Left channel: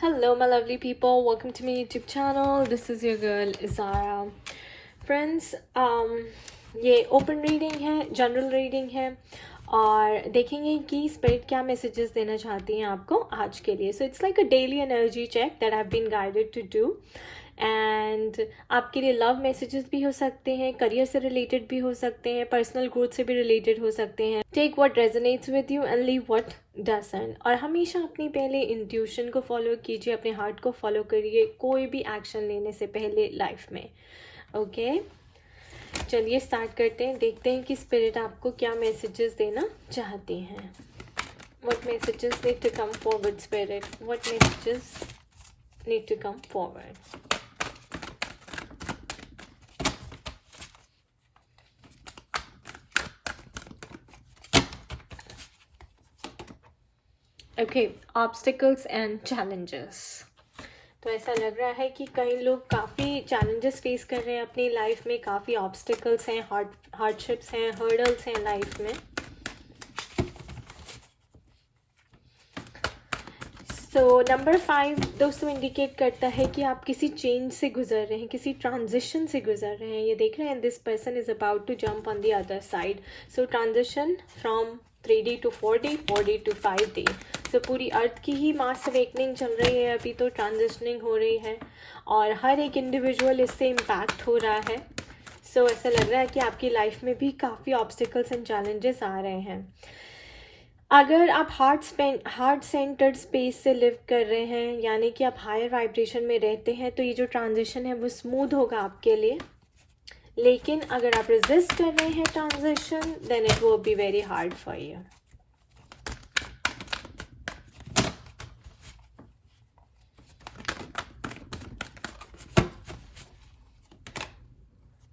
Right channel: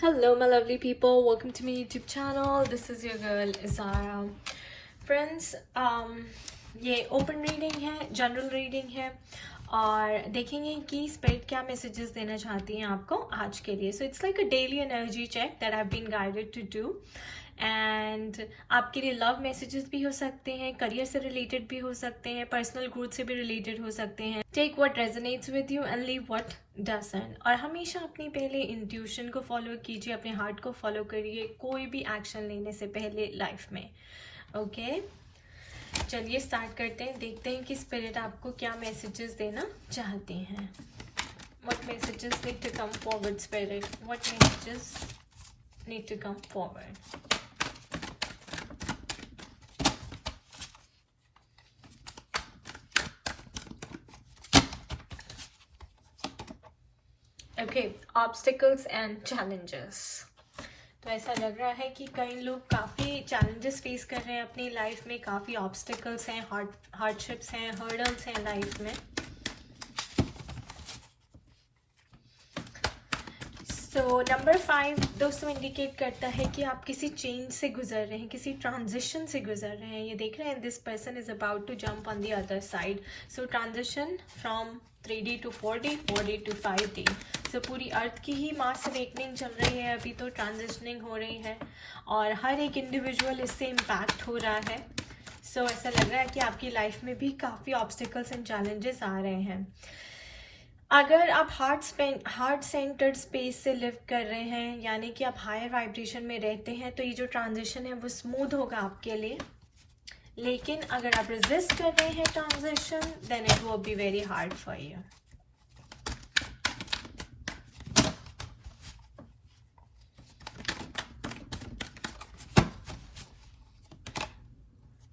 Hello, my lovely people. Welcome to my YouTube channel. This is your girl Zara. Friends, ये open reading है, general reading है और देखेंगे कि स्पिरिट क्या मैसेजेस देना चाहती हैं आपको आज के लिए. So it's like a daily energy check that I have been guided to do. And आपके लिए लव मैसेजेस भी हो सकते हैं, करियर से रिलेटेड भी हो सकते हैं, पर्सनल ग्रोथ से भी रिलेटेड हो सकते हैं. Take what resonates with you and leave what doesn't. और हमेशा अपनी पहले इंट्यूशन को फॉलो कीजिए, अपने हार्ट को फॉलो करिए कोई भी एक्शन लेने से पहले लाइफ में. ओके चलिए स्टार्ट करते हैं. देखते हैं कि स्पिरिट आपको क्या मैसेजेस देना चाहती हैं. What messages need to come forward, Spirit? What messages need to come forward? Okay, obstacles and challenges. तो ऐसा लग रहा है कि कई लोग काफ़ी चैलेंजेस फेस कर रहे हैं अपनी लाइफ में, काफ़ी ऑब्स्टिकल्स हैं, हार्डशिप्स हैं, हर्डल्स हैं लाइफ में. सो नंबर 5 दोस्तों इंडिकेट करता है कि आप किसी चेंज से गुजर रहे हैं, किसी ट्रांजिशन से गुजर रहे हैं. ये देख रहे हैं this person is about to jump on the other side. So transition from 3D to 40, 40 to 5D. So पूरी अर्थ की ही मास अवेकनिंग चल रही है अभी, तो ट्रांजिशनिंग हो रही है और हर एक इंडिविजुअल इससे इम्पैक्ट हो रहा है. सो ऐसा लग रहा है कि आपकी लाइफ में भी काफ़ी ऑब्स्टिकल्स एंड चैलेंजेस आ रहे हैं. अगर आप हार्ट सेंटर्ड स्पेस से लिव कर रहे हैं, यानी कि आप हायर वाइब्रेशन में रहते हैं, तो ये जो ट्रांजिशन है वो स्मूथ होगा आपके लिए. लेकिन अगर आप रेजिस्ट कर रहे हैं transition, then it will be very hard for you.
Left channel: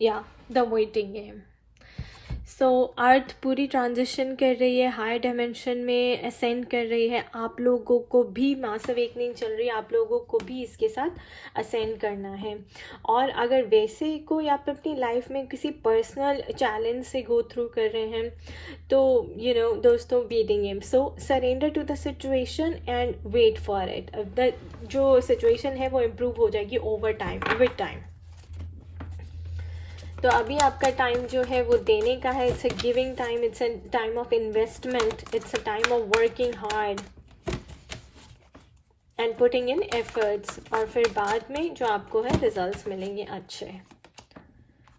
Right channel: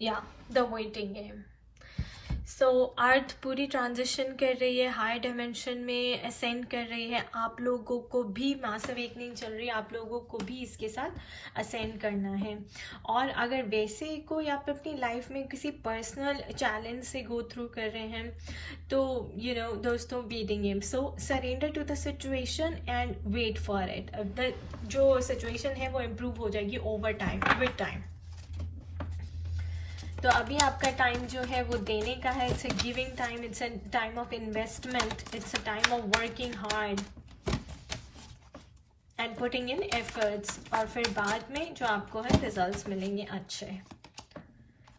या the waiting game. So earth पूरी ट्रांजिशन कर रही है, हायर डायमेंशन में असेंड कर रही है. आप लोगों को भी मास अवेकनिंग चल रही है, आप लोगों को भी इसके साथ असेंड करना है. और अगर वैसे कोई आप अपनी लाइफ में किसी पर्सनल चैलेंज से गो थ्रू कर रहे हैं, तो यू नो दोस्तों waiting game. So surrender to the situation and wait for it. जो सिचुएशन है वो इम्प्रूव हो जाएगी ओवर टाइम, विद टाइम. तो अभी आपका टाइम जो है वो देने का है. It's a giving time, it's a time of investment, it's a time of working hard and putting in efforts. और फिर बाद में जो आपको है रिजल्ट्स मिलेंगे अच्छे.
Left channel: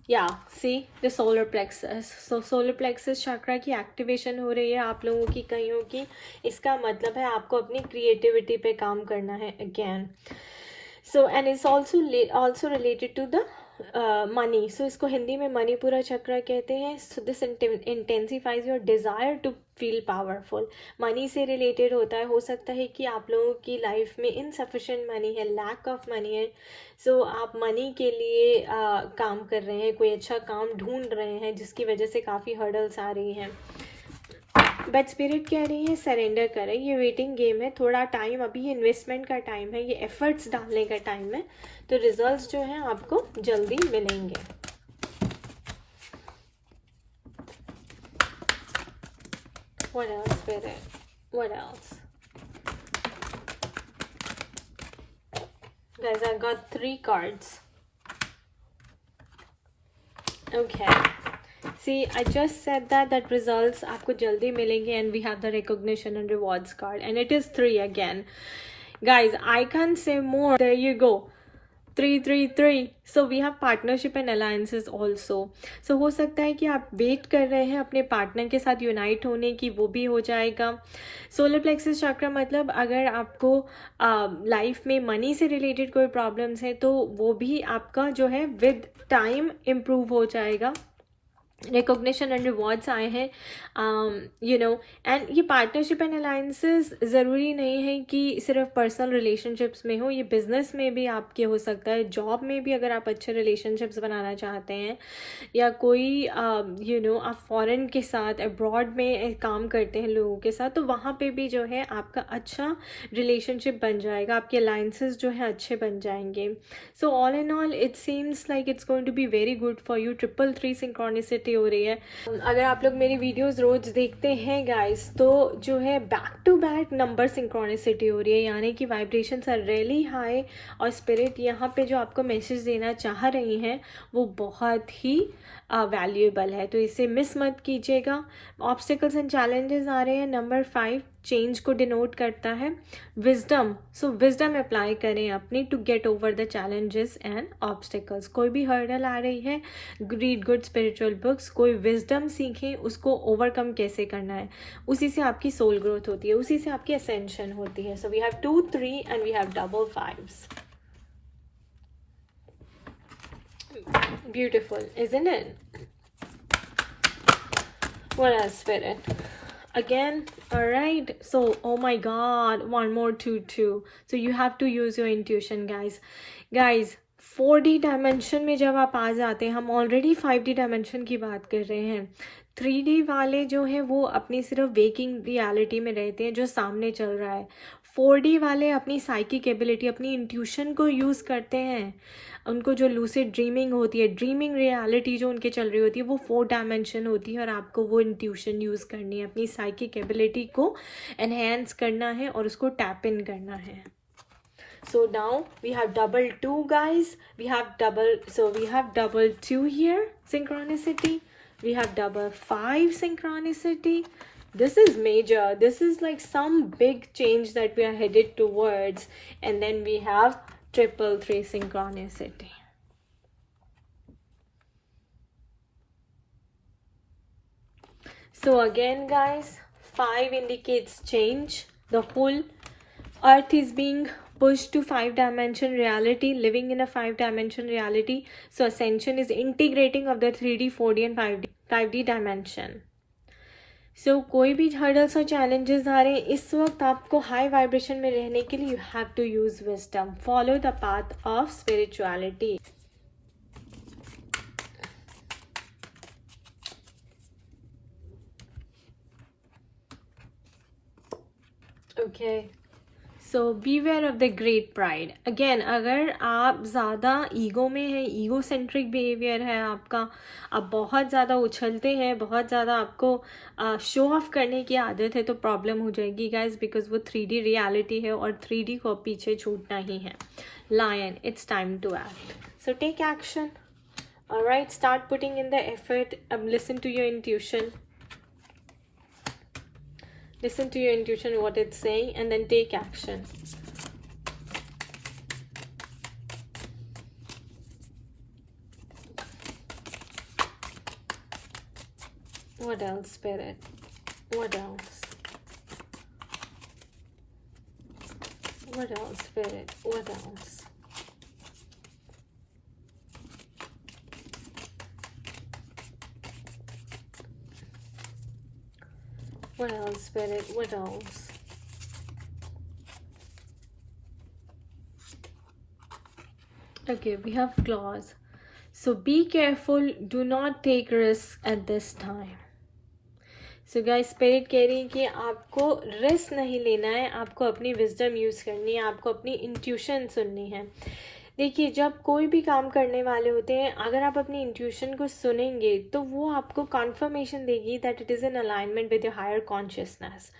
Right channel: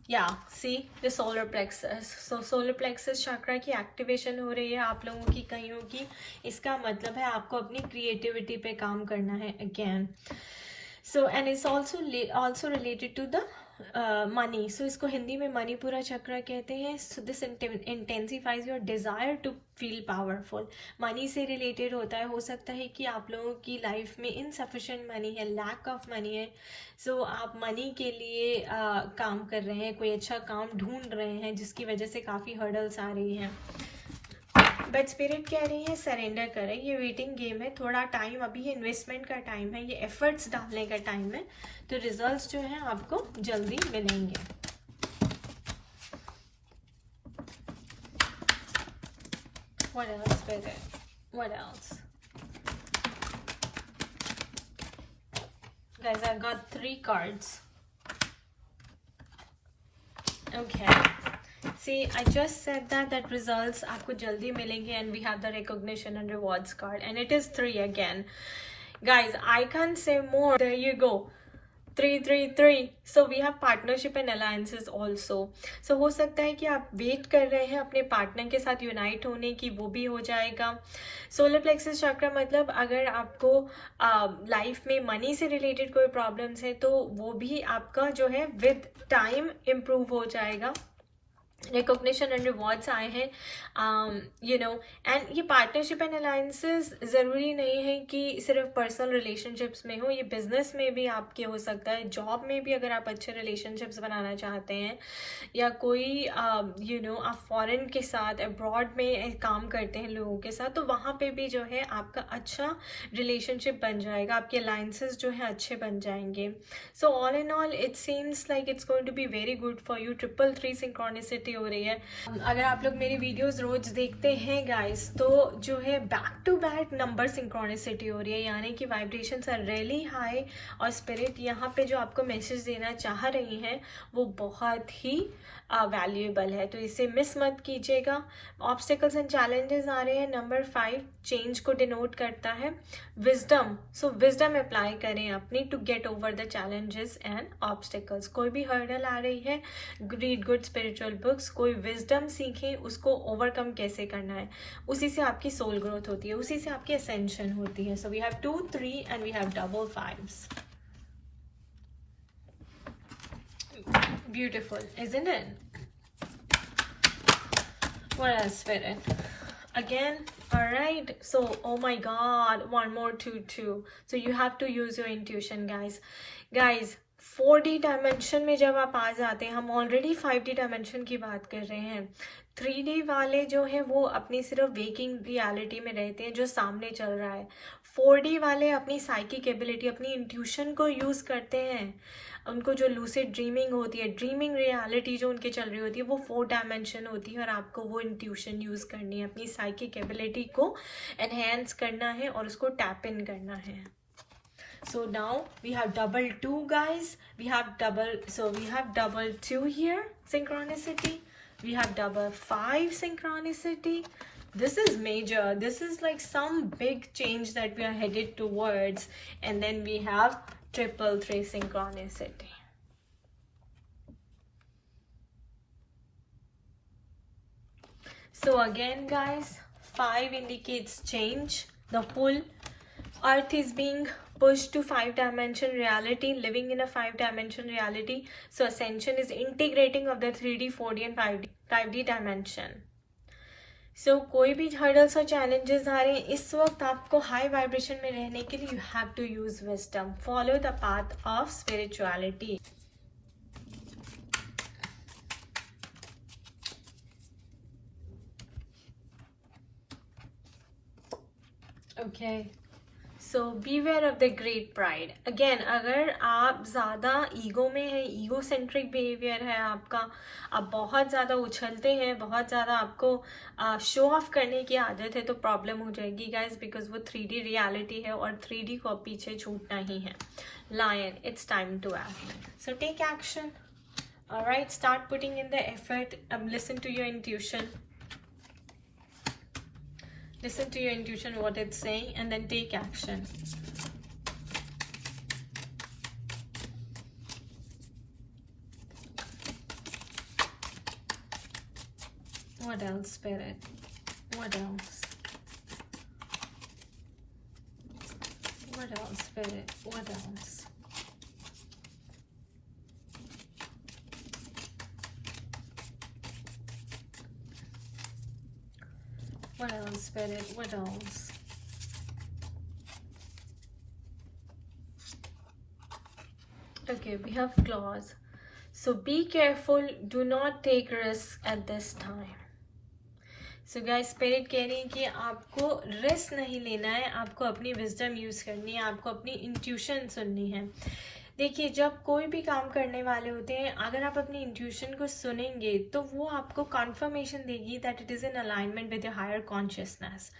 या see the solar plexus. So solar plexus chakra की एक्टिवेशन हो रही है आप लोगों की, कईयों की. इसका मतलब है आपको अपनी क्रिएटिविटी पे काम करना है again. So and it's also related to the money. So इसको हिंदी में मणिपुरा चक्र कहते हैं. So this intensifies your desire to feel powerful. Money से रिलेटेड होता है. हो सकता है कि आप लोगों की लाइफ में इनसफिशिएंट मनी है, लैक ऑफ मनी है. सो आप मनी के लिए काम कर रहे हैं, कोई अच्छा काम ढूंढ रहे हैं, जिसकी वजह से काफ़ी हर्डल्स आ रही हैं. बट स्पिरिट कह रही है सरेंडर करें. ये वेटिंग गेम है, थोड़ा टाइम, अभी ये इन्वेस्टमेंट का टाइम है, ये एफर्ट्स डालने का टाइम है. तो रिजल्ट्स जो हैं आपको जल्दी मिलेंगे. What else, Spirit? What else? Guys, I got 3 cards. Okay. See, I just said that results आपको जल्दी मिलेंगे and we have the recognition and rewards card and it is 3 again. Guys, I can't say more. There you go. 3 3 3. So we have partnership and alliances also. So हो सकता है कि आप वेट कर रहे हैं अपने पार्टनर के साथ यूनाइट होने की, वो भी हो जाएगा. सोलर प्लेक्सस चक्र मतलब अगर आपको लाइफ में मनी से रिलेटेड कोई प्रॉब्लम्स है, तो वो भी आपका जो है विद टाइम इम्प्रूव हो जाएगा. रिकॉग्निशन एंड रिवॉर्ड्स आए हैं, यू नो. एंड ये पार्टनरशिप एंड अलायंसेस ज़रूरी नहीं है कि सिर्फ पर्सनल रिलेशनशिप्स में हो, ये बिजनेस में भी आपके हो सकता है. जॉब में भी अगर आप अच्छे रिलेशनशिप्स बनाना चाहते हैं, या कोई यू नो आप फॉरेन के साथ अब्रॉड में काम करते हैं लोगों के साथ, तो वहाँ पे भी जो है आपका अच्छा रिलेशनशिप बन जाएगा, आपके अलायंसेस जो है अच्छे बन जाएंगे. So all in all it seems like it's going to be very good for you. 333 synchronicity synchronicity हो रही है। अगर आप लोग मेरी वीडियोस रोज देखते हैं गाइस, तो जो है back to back number synchronicity हो रही है, यानी कि वाइब्रेशंस आर रियली हाई और स्पिरिट यहाँ पे जो आपको मैसेज देना चाह रही हैं वो बहुत ही वैल्यूएबल है, तो इसे मिस मत कीजिएगा। ऑब्स्टिकल्स एंड चैलेंजेस आ रहे हैं। नंबर 5 चेंज को डिनोट करता है। विजडम, सो विजडम अप्लाई करें अपनी to get over the challenges and obstacles. कोई भी हर्डल आ रही है, रीड गुड स्पिरिचुअल बुक्स, कोई विजडम सीखें, उसको ओवरकम कैसे करना है। उसी से आपकी सोल ग्रोथ होती है, उसी से आपकी असेंशन होती है। So we have 2 3 and we have double 5s. Beautiful, isn't it? What else, Spirit? Again, all right. So, oh my God, one more 2 2. So you have to use your intuition, guys. Guys, 4D dimension में जब आप आ जाते हैं, हम already 5D dimension की बात कर रहे हैं। 3D वाले जो है वो अपनी सिर्फ वेकिंग रियलिटी में रहते हैं, जो सामने चल रहा है। 4D वाले अपनी साइकिक एबिलिटी, अपनी इंट्यूशन को यूज़ करते हैं। उनको जो लूसिड ड्रीमिंग होती है, ड्रीमिंग रियलिटी जो उनके चल रही होती है, वो 4 डायमेंशन होती है और आपको वो इंट्यूशन यूज़ करनी है, अपनी साइकिक एबिलिटी को एनहेंस करना है और उसको टैप इन करना है। So now we have double 2, guys. We have double 2 here, synchronicity. We have double 5 synchronicity. This is major. This is like some big change that we are headed towards. And then we have triple 3 synchronicity. So again, guys, 5 indicates change. The whole earth is being pushed to 5 dimension reality, living in a 5 dimension reality. So ascension is integrating of the 3D 4D and 5D dimension. So कोई भी hurdles और challenges आ रहे हैं, इस वक्त आपको high vibration में रहने के लिए you have to use wisdom, follow the path of spirituality. Okay. So beware of the great pride. Again, अगर आप ज़्यादा ईगो में हैं, ईगो सेंट्रिक बिहेवियर है आपका, आप बहुत ज़्यादा उछलते हैं, बहुत ज़्यादा आपको शो ऑफ करने की आदत है, तो प्रॉब्लम हो जाएगी गाइज, बिकॉज वो 3D रियलिटी है और 3D को पीछे छूटना ही है। Lion, it's time to act, so take action. Alright, start putting in the effort, अब listen to your intuition, listen to your intuition, what it's saying, and then take action. What else, Spirit? What else? What else, Spirit? What else? What else, Spirit? What else? Okay, we have claws. So be careful. Do not take risks at this time. So guys, Spirit कह रही है कि आपको रिस्क नहीं लेना है, आपको अपनी विजडम यूज़ करनी है, आपको अपनी इंट्यूशन सुननी है। देखिए, जब कोई भी काम करने वाले होते हैं, अगर आप अपनी इंट्यूशन को सुनेंगे तो वो आपको कॉन्फर्मेशन देगी that it is in alignment with your higher consciousness.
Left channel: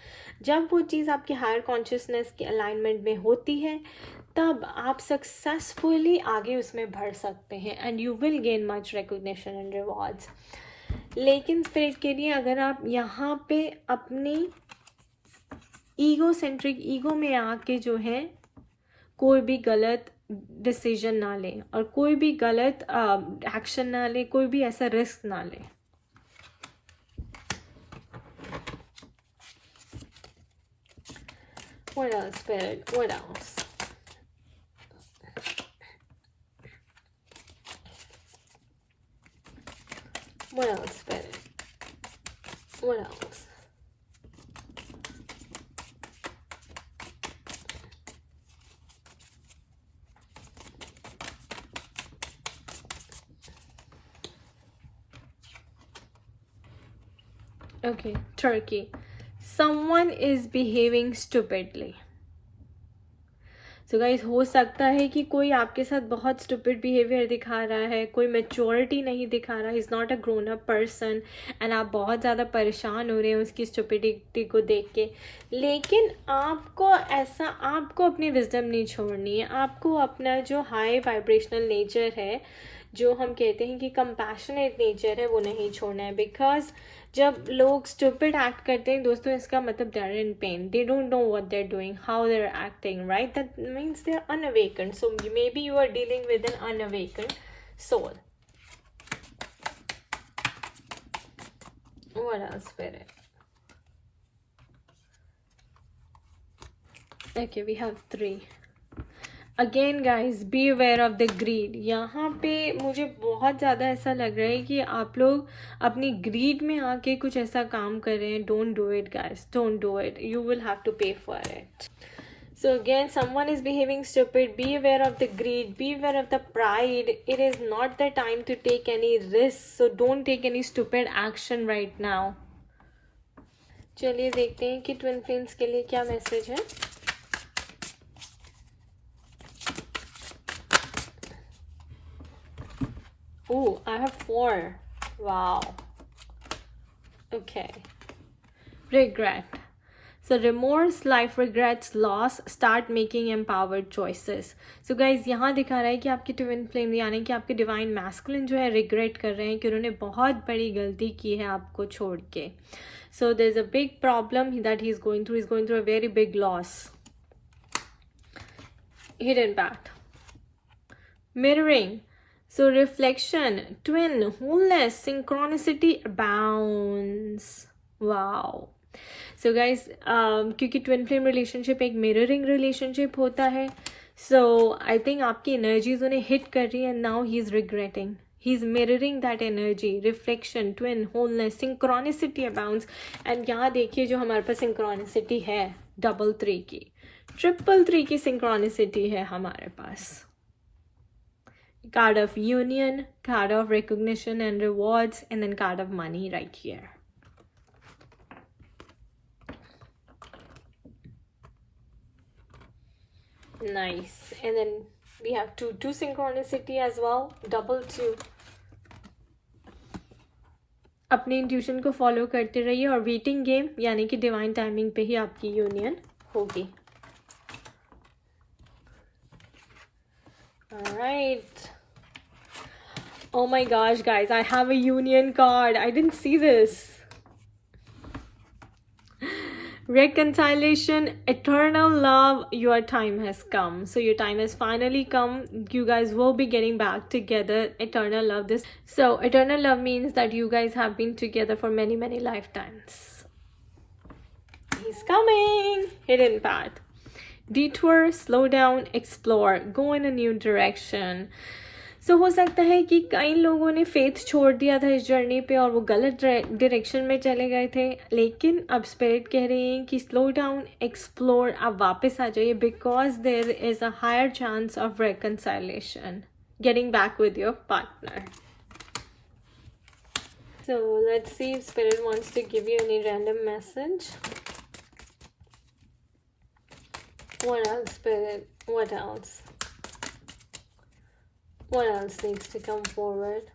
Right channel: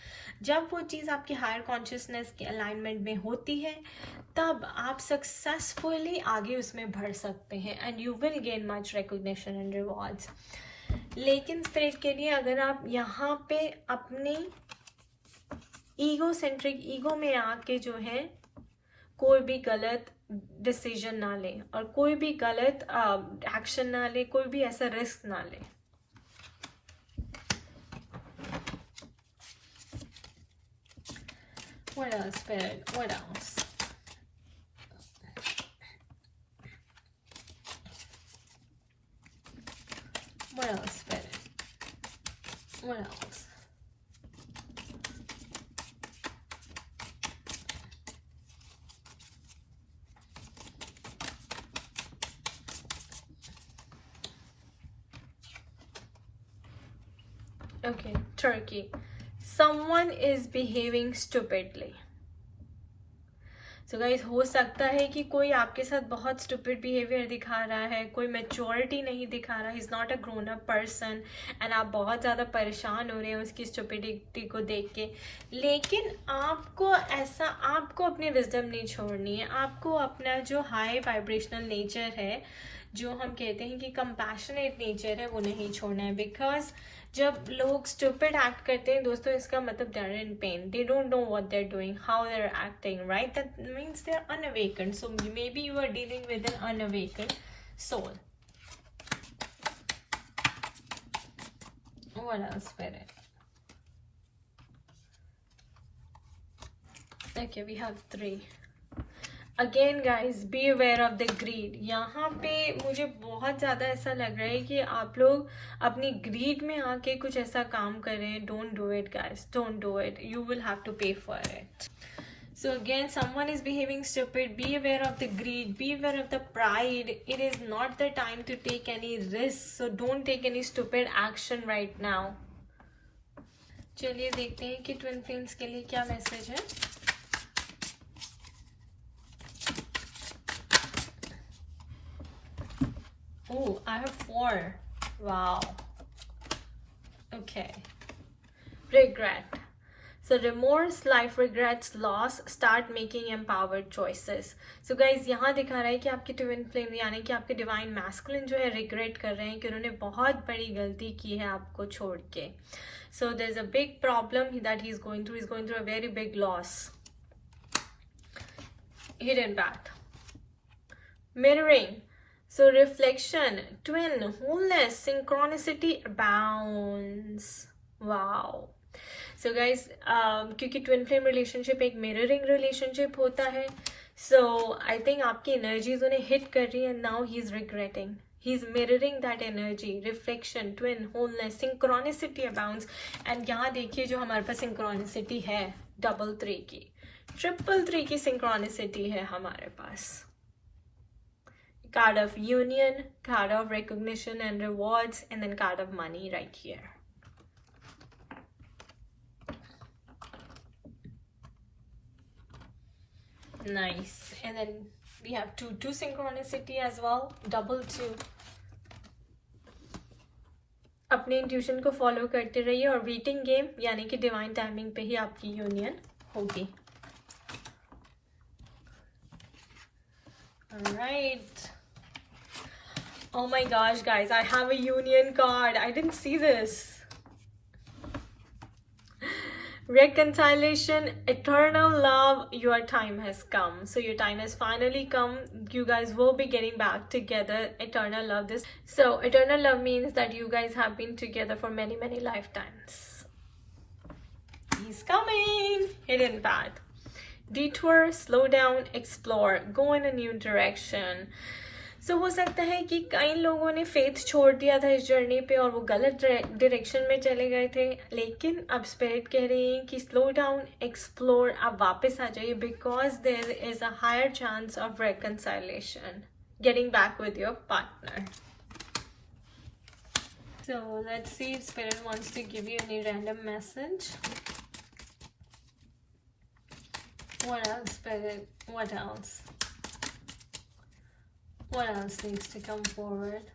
जब वो चीज़ आपके हायर कॉन्शियसनेस के अलाइनमेंट में होती है, तब आप सक्सेसफुली आगे उसमें बढ़ सकते हैं and you will gain much recognition and rewards. लेकिन स्पिरिट के लिए, अगर आप यहाँ पे अपनी ईगो सेंट्रिक, ईगो में आके जो है कोई भी गलत डिसीजन ना ले और कोई भी गलत एक्शन ना ले, कोई भी ऐसा रिस्क ना ले। What else, Spirit? What else? What else, Spirit? What else? Okay, Turkey. Someone is behaving stupidly. So guys हो सकता है कि कोई आपके साथ बहुत स्टूपिड बिहेवियर दिखा रहा है, कोई मेच्योरिटी नहीं दिखा रहा, is not a grown up person, and आप बहुत ज़्यादा परेशान हो रहे हैं उसकी स्टूपिडिटी को देख के। लेकिन आपको अपनी विजडम नहीं छोड़नी है, आपको अपना जो हाई वाइब्रेशनल नेचर है, जो हम कहते हैं कि कंपैशनेट नेचर है, वो नहीं छोड़ना है। बिकॉज जब लोग स्टूपिड एक्ट करते हैं दोस्तों, इसका मतलब they are in pain, they don't know what they are doing, how they are acting, right? That means they are unawakened. So maybe you are dealing with an unawakened soul. What else, Spirit? Okay, we have 3. Again guys be aware of the greed. यहाँ पे मुझे बहुत ज़्यादा ऐसा लग रहा है कि आप लोग अपनी ग्रीड में आके कुछ ऐसा काम कर रहे हैं. Don't do it guys, don't do it. You will have to pay for it. So again, someone is behaving stupid. Be aware of the greed. Be aware of the pride. It is not the time to take any risks. So don't take any stupid action right now. चलिए देखते हैं कि twin flames के लिए क्या मैसेज है. Oh, I have 4. Wow. Okay. Regret. So remorse, life regrets, loss, start making empowered choices. So guys, यहाँ दिखा रहा है कि आपकी ट्विन फ्लेम यानी कि आपके डिवाइन मैस्कुलिन जो है रिग्रेट कर रहे हैं कि उन्होंने बहुत बड़ी गलती की है आपको छोड़ के. So there's a big problem that he's going through. He's going through a very big loss. Hidden back. Mirroring. So reflection, twin, wholeness, synchronicity abounds. Wow. So guys, क्योंकि ट्विन फ्लेम रिलेशनशिप एक mirroring relationship होता है, so I think आपकी एनर्जीज उन्हें हिट कर रही है. Now he is regretting, he is mirroring that energy. Reflection, twin, wholeness, synchronicity abounds. And यहाँ देखिए जो हमारे पास सिंक्रोनिसिटी है, 3 की, 3 की सिंक्रोनिसिटी है हमारे पास. Card of union, card of recognition and rewards, and then card of money right here. Nice. And then we have 2 synchronicity as well, 2. अपने इंट्यूशन को फॉलो करते रहिए और वेटिंग गेम यानी कि डिवाइन टाइमिंग पे ही आपकी यूनियन होगी. Alright. Oh my gosh, guys, I have a union card. I didn't see this. Reconciliation, eternal love, your time has come. So your time has finally come. You guys will be getting back together. Eternal love. So eternal love means that you guys have been together for many, many lifetimes. He's coming. Hidden path. Detour, slow down, explore, go in a new direction. So हो सकता है कि कई लोगों ने फेथ छोड़ दिया था इस जर्नी पे और वो गलत डायरेक्शन में चले गए थे, लेकिन अब स्पिरिट कह रही हैं कि स्लो डाउन, एक्सप्लोर, आप वापस आ जाइए, because there is a higher chance of reconciliation, getting back with your partner. So let's see if Spirit wants to give you any random message. What else, Spirit? What else? What else needs to come forward?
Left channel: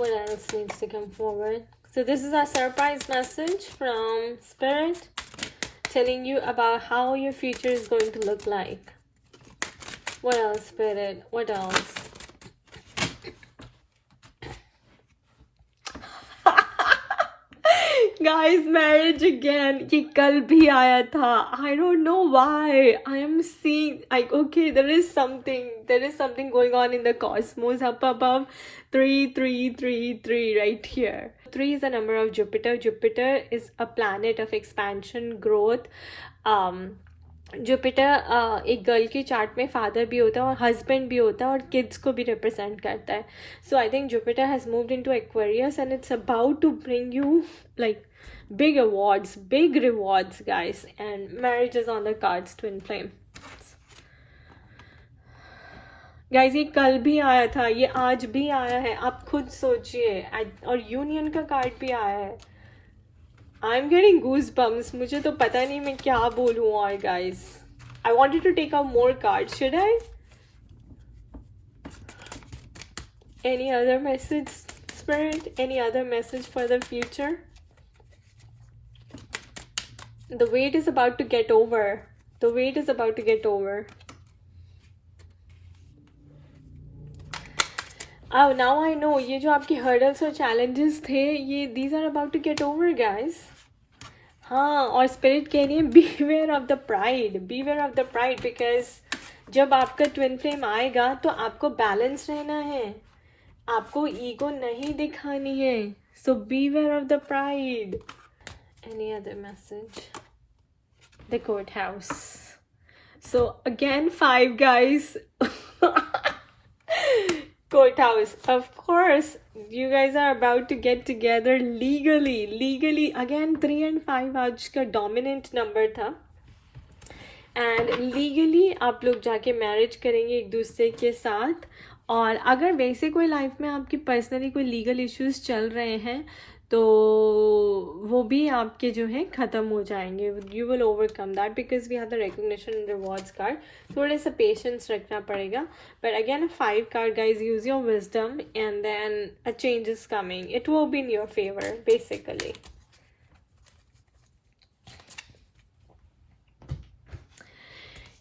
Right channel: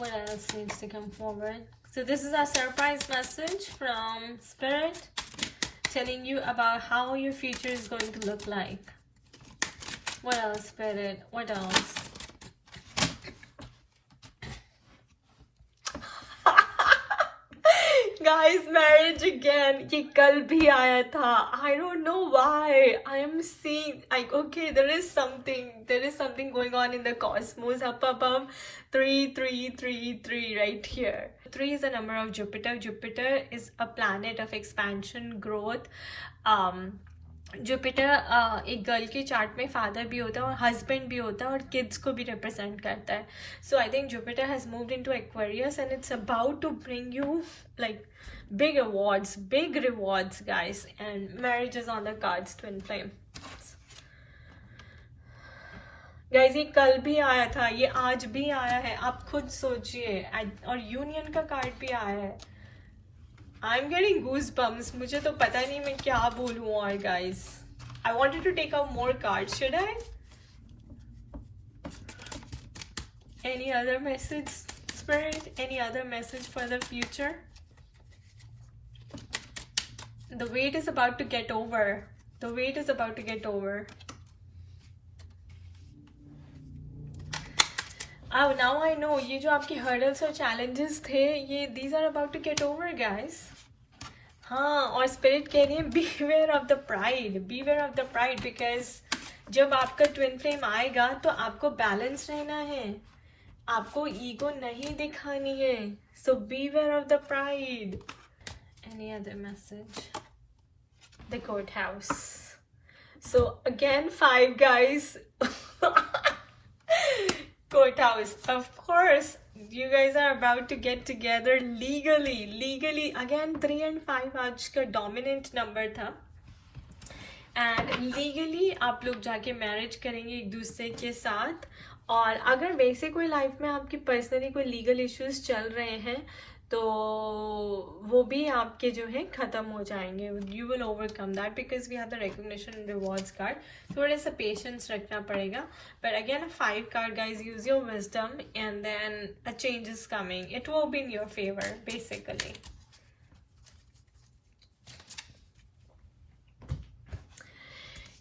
What else needs to come forward? So this is a surprise message from Spirit telling you about how your future is going to look like. What else, Spirit? What else? Guys, marriage again. ये कल भी आया था. I don't know why. I am seeing like, okay, there is something going on in the cosmos up above. 3 right here. 3 is the number of Jupiter. Jupiter is a planet of expansion, growth. Jupiter एक गर्ल की चार्ट में फादर भी होता है और हस्बैंड भी होता है और किड्स को भी रिप्रेजेंट करता है. So I think Jupiter has moved into Aquarius and it's about to bring you like big awards, big rewards, guys, and marriage is on the cards, twin flame. Guys, ये कल भी आया था, ये आज भी आया है, आप खुद सोचिए. और यूनियन का कार्ड भी आया है. I'm getting goosebumps. मुझे तो पता नहीं मैं क्या बोलूँ और guys. I wanted to take out more cards. Should I? Any other message, Spirit? Any other message for the future? The wait is about to get over. The wait is about to get over. Oh, now I know. ये जो आपकी hurdles और challenges थे, ये these are about to get over, guys. हाँ, और spirit कह रही है beware of the pride. Beware of the pride because जब आपका twin flame आएगा तो आपको balance रहना है. आपको ego नहीं दिखानी है. So beware of the pride. Any other message? The courthouse. So again, 5 guys. Courthouse. Of course, you guys are about to get together legally. Again, 3 and 5 आज का dominant number था. And legally आप लोग जाके marriage करेंगे एक दूसरे के साथ. और अगर वैसे कोई लाइफ में आपकी पर्सनली कोई लीगल इश्यूज चल रहे हैं तो वो भी आपके जो है ख़त्म हो जाएंगे. You will overcome that because we have the recognition and rewards card. थोड़े सा पेशेंस रखना पड़ेगा. But again 5 card guys, use your wisdom and then a change is coming. It will be in your favour basically.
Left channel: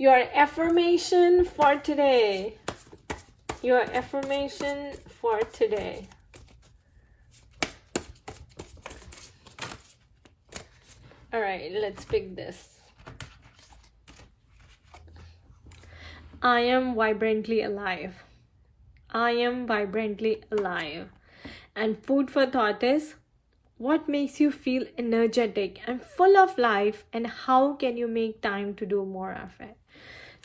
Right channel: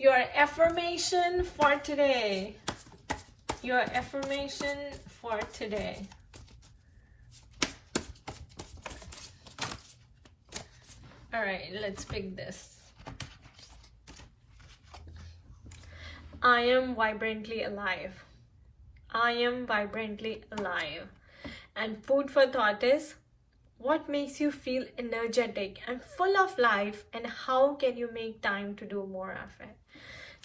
Your affirmation for today. Your affirmation for today. All right, let's pick this. I am vibrantly alive. I am vibrantly alive. And food for thought is, what makes you feel energetic and full of life, and how can you make time to do more of it?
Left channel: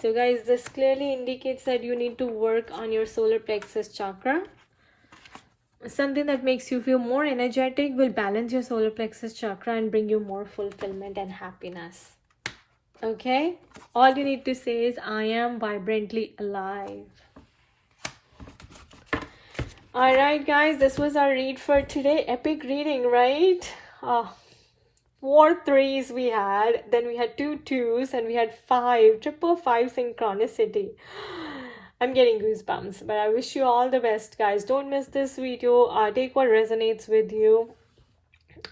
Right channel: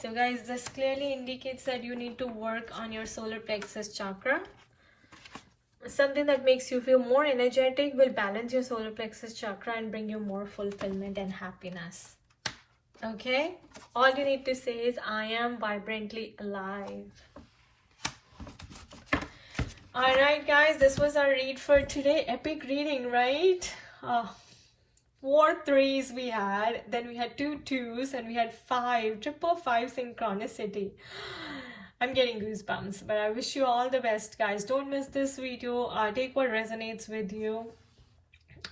So guys, this clearly indicates that you need to work on your solar plexus chakra. Something that makes you feel more energetic will balance your solar plexus chakra and bring you more fulfillment and happiness. Okay? All you need to say is, I am vibrantly alive. Alright guys, this was our read for today. Epic reading, right? 4 3s we had, then we had 2 2s, and we had 5 5 synchronicity. I'm getting goosebumps, but I wish you all the best, guys. Don't miss this video. Take what resonates with you,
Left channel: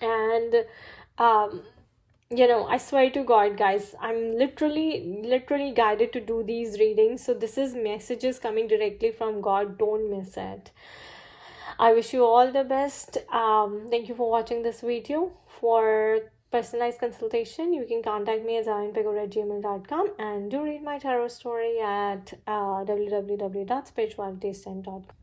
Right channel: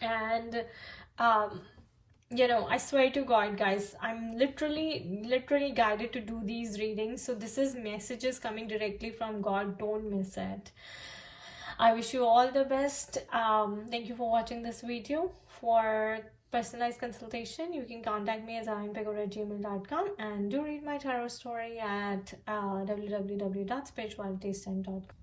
and you know, I swear to God, guys, I'm literally guided to do these readings. So this is messages coming directly from God. Don't miss it. I wish you all the best. Thank you for watching this video. For personalized consultation, you can contact me at zarinpego@gmail.com, and do read my tarot story at www.spiritualitystand.com.